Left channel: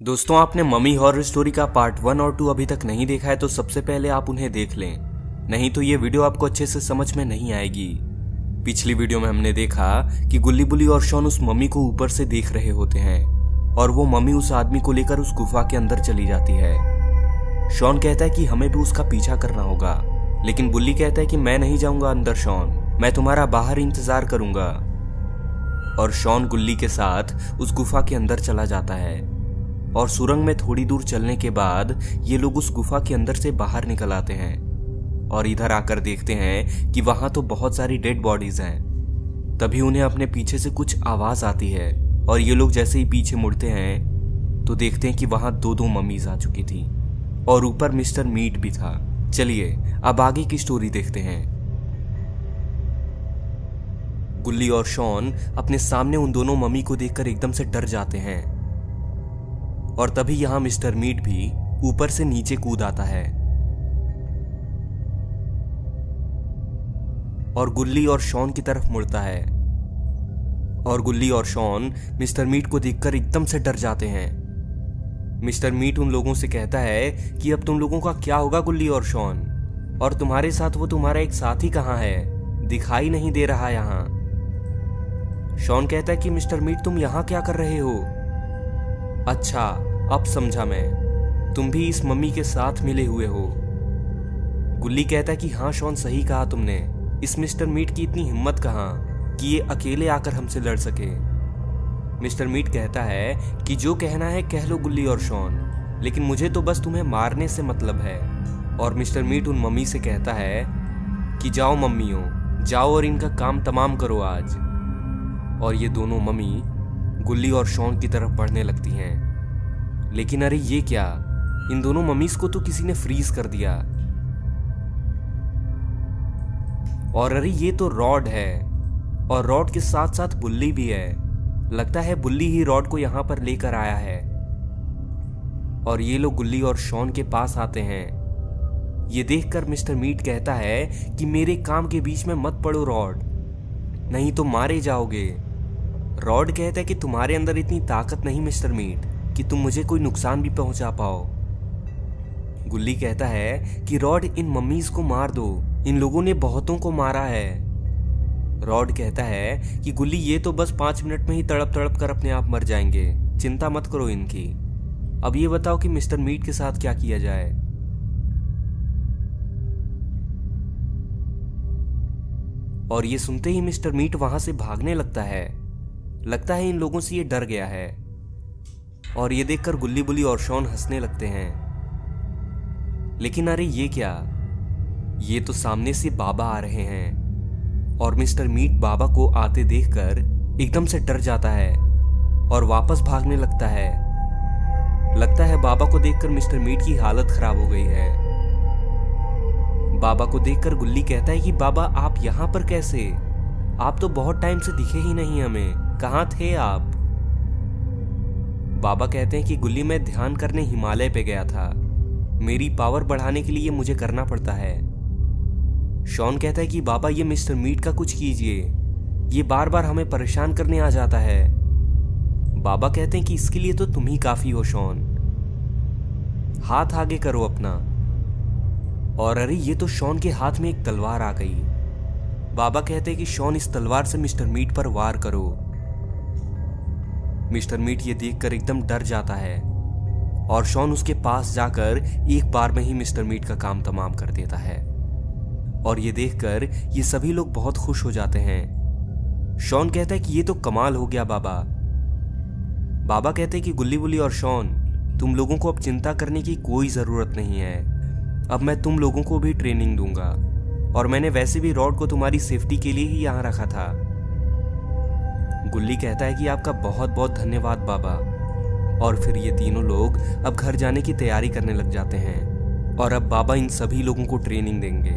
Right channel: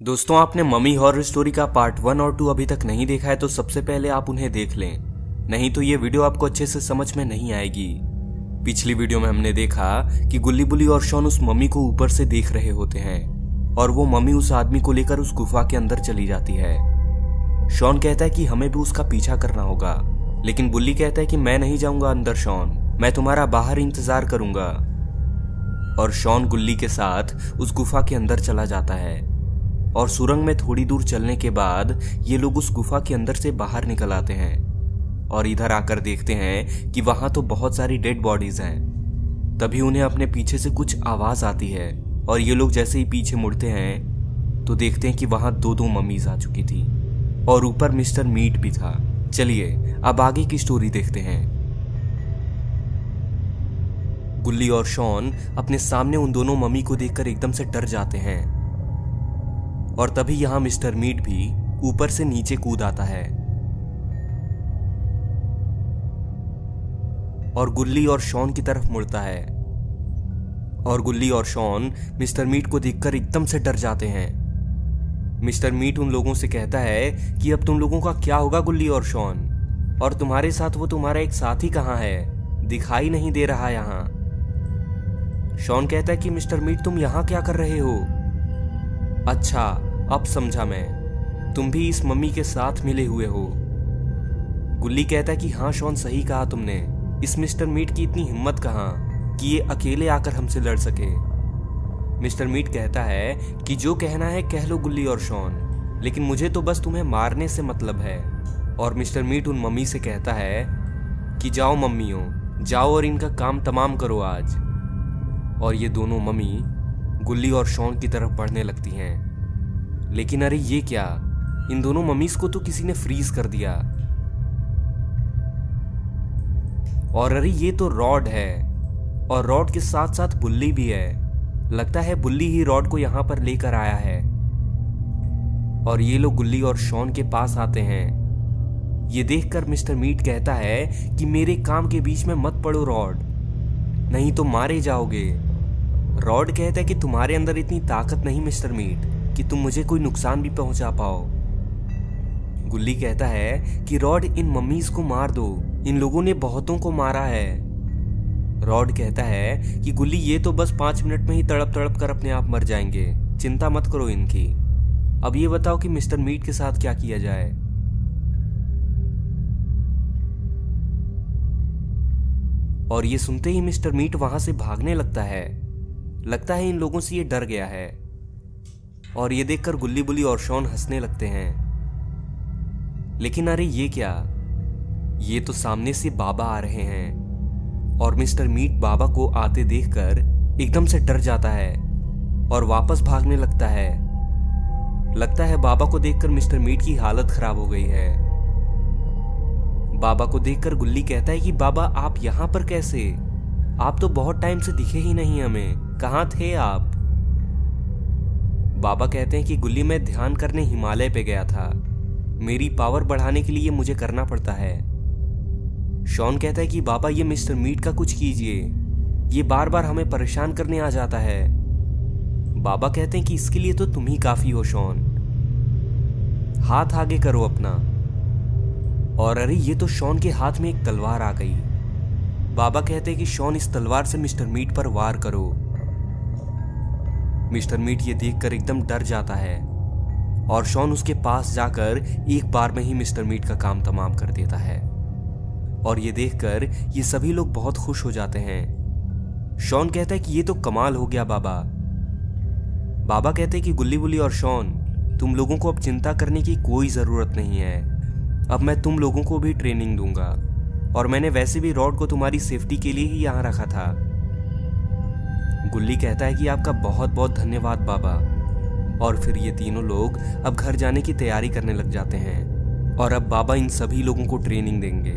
दोस्तों, आपने mummy horror story का पार्ट 1 और 2 अभी तक नहीं देखा है तो सबसे पहले आप उन्हें देख लें, नहीं तो ये वीडियो आपको अच्छे से समझ में नहीं आएगी। पिछली वीडियो में हमने देखा कि गुल्ली बुल्ली और शॉन उस मम्मी को ऊपर से देख रहे होते हैं और वो मम्मी उस आदमी को लेकर उस गुफा के अंदर चली जाती है। शॉन कहता है कि हमें भी उसका पीछा करना होगा, लेकिन बुल्ली कहता है कि मैं नहीं जाऊंगा अंदर शॉन, मैं तुम्हारा बाहर इंतजार करूंगा। और शॉन गुल्ली के साथ उस गुफा के अंदर चला जाता है और सुरंग में थोड़ी दूर चलने के बाद ये लोग उस गुफा के अंदर से बाहर निकल आते हैं और इधर आकर देखते हैं कि वहां तो बहुत सारी डेड बॉडीज हैं। तभी उन्हें अपने पीछे से कुछ आवाज आती है और ये लोग जैसे ही पीछे मुड़ते हैं तो देखते हैं कि वहां दो मम्मीज आ चुकी थी और ऊपर मिस्टर मीट भी था। चलिए अब आगे की स्टोरी देखते हैं। गुल्ली और शॉन अपने सामने उन दोनों मम्मी को देखकर एकदम से डर जाते हैं और तभी यहां मिस्टर मीट भी ऊपर से नीचे कूद आता है और गुल्ली और शॉन की तरफ मुड़ता है और गुल्ली और शॉन मिस्टर मीट को देखकर एकदम से डर जाते हैं। मिस्टर मीट उन लोगों से कहता है कि अब तुम लोगों का क्या होगा गुल्ली और शॉन, और तुम्हारे साथ वो तुम्हारा एक साथी कहां है, दिखाई नहीं दे रहा यहां। शॉन कहता है कि मिस्टर मीट तुम यहां क्या कर रहे हो। अच्छा अब समझा मैं, तुम भी इस मम्मी के साथ मिले हुए हो। गुल्ली कहता है कि हाँ शॉन सही कहा तुमने, इस मिस्टर मीट की इतनी हिम्मत कहाँ कि ये अकेले आकर हमसे लड़ सके। मिस्टर मीट कहता है कि जो कहना है कह लो गुल्ली और शॉन, लेकिन मुझे तो बस तुम्हें मारने से मतलब है। और मिस्टर मीट उन मम्मी से कहता है कि जाओ मम्मियों, जाओ और इनका काम तमाम करो आज। और ये दोनों मम्मी गुल्ली और शॉन की तरफ बढ़ने लगती हैं। लेकिन अरे ये क्या, इन दोनों मम्मीज को तो किसी ने फ्रीज कर दिया। और अरे ये तो रॉड है और रॉड के साथ साथ बुल्ली भी है। लगता है बुल्ली ही रॉड को यहां पर लेकर आया है। और ये लोग गुल्ली और शॉन के पास आते हैं। ये देखकर मिस्टर मीट कहता है कि मेरे काम के बीच में मत पड़ो रॉड, नहीं तो मारे जाओगे। रॉड कहता है कि तुम्हारे अंदर इतनी ताकत नहीं मिस्टर मीट कि तुम मुझे कोई नुकसान भी पहुंचा पाओ। गुल्ली कहता है कि रॉड इन मम्मीज को मार दो, इन लोगों ने बहुतों को मारा है। रॉड कहता है कि गुल्ली ये तो बस 5 मिनट में ही तड़प तड़प कर अपने आप मर जाएंगे, चिंता मत करो इनकी। अब ये बताओ कि मिस्टर मीट के साथ क्या किया जाए। और ये सुनते ही मिस्टर मीट वहां से भागने लगता है। लगता है इन लोगों से ये डर गया है। और ये देखकर गुल्ली बुल्ली और शॉन हंसने लगते हैं। लेकिन अरे ये क्या, ये तो सामने से बाबा आ रहे हैं। और मिस्टर मीट बाबा को आते देखकर एकदम से डर जाता है और वापस भागने लगता है। लगता है बाबा को देखकर मिस्टर मीट की हालत खराब हो गई है। बाबा को देखकर गुल्ली कहता है कि बाबा आप यहां पर कैसे, आप तो बहुत टाइम से दिखे ही नहीं हमें, कहां थे आप। बाबा कहते हैं कि गुल्ली मैं ध्यान करने हिमालय पे गया था, मेरी पावर बढ़ाने के लिए मुझे करना पड़ता है। शॉन कहता है कि बाबा ये मिस्टर मीट का कुछ कीजिए, ये बार बार हमें परेशान करने आ जाता है। बाबा कहते हैं कि इसके लिए तो तुम ही काफी हो शॉन, हाथ आगे करो अपना। और अरे ये तो शॉन के हाथ में एक तलवार आ गई। बाबा कहते हैं कि शॉन इस तलवार से मिस्टर मीट पर वार करो। मिस्टर मीट ये देखकर एकदम डर जाता है और शॉन उसके पास जाकर एक बार में ही मिस्टर मीट का काम तमाम कर देता है। और ये देखकर ये सभी लोग बहुत खुश हो जाते हैं। शॉन कहता है कि ये तो कमाल हो गया बाबा। बाबा कहते हैं कि गुल्ली बुल्ली और शॉन तुम लोगों को अब चिंता करने की कोई जरूरत नहीं है, अब मैं तुम लोगों को भी ट्रेनिंग दूंगा और मैंने वैसे भी रॉड को तुम्हारी सेफ्टी के लिए ही यहां रखा था। गुल्ली कहता है कि आपका बहुत बहुत धन्यवाद बाबा। और फिर ये तीनों लोग अब घर जाने की तैयारी करने लग जाते हैं और अब बाबा इन सभी लोगों को ट्रेनिंग देंगे।